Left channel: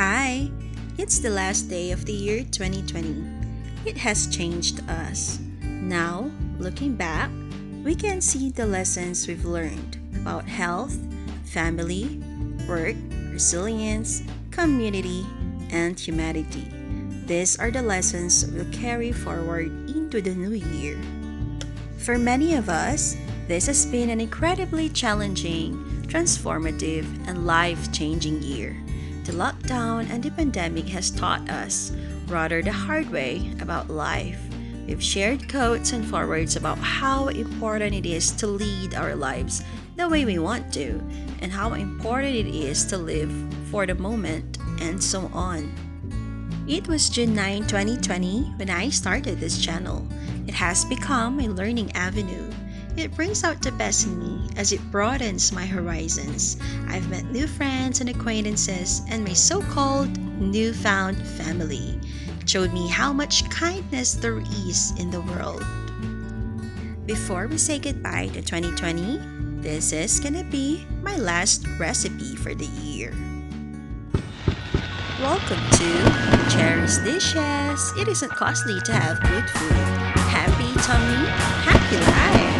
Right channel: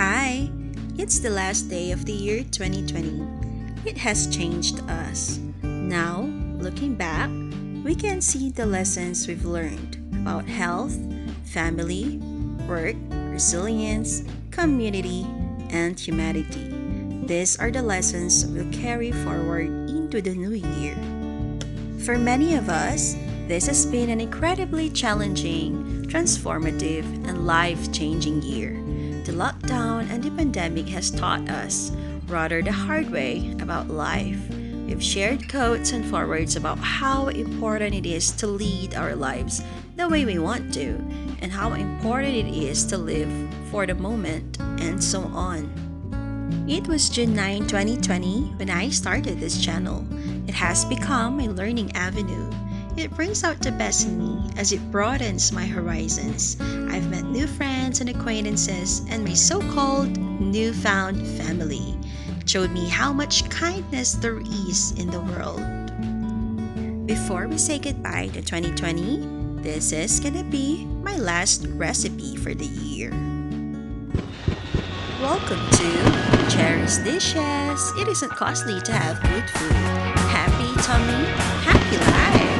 Hi! It's the last day of the year 2020. It has changed us. Now, looking back, we can see the lessons we've learned about health, family, work, resilience, community, and humanity. These are the lessons we'll carry forward into the new year. For many of us, this has been an incredibly challenging, transformative, and life changing year. The lockdown and the pandemic has taught us, rather the hard way, about life. We've shared quotes and forwards about how important it is to lead our lives the way we want to, and how important it is to live for the moment, and so on. It was June 9, 2020 when I started this channel. It has become a learning avenue. It brings out the best in me as it broadens my horizons. I've met new friends and acquaintances, and my so called newfound family showed me how much kindness there is in the world. Before we say goodbye to 2020, this is gonna be my last recipe for the year. Welcome to Cherry's Dishes. It isn't costly to have good food. Happy tummy, happy life.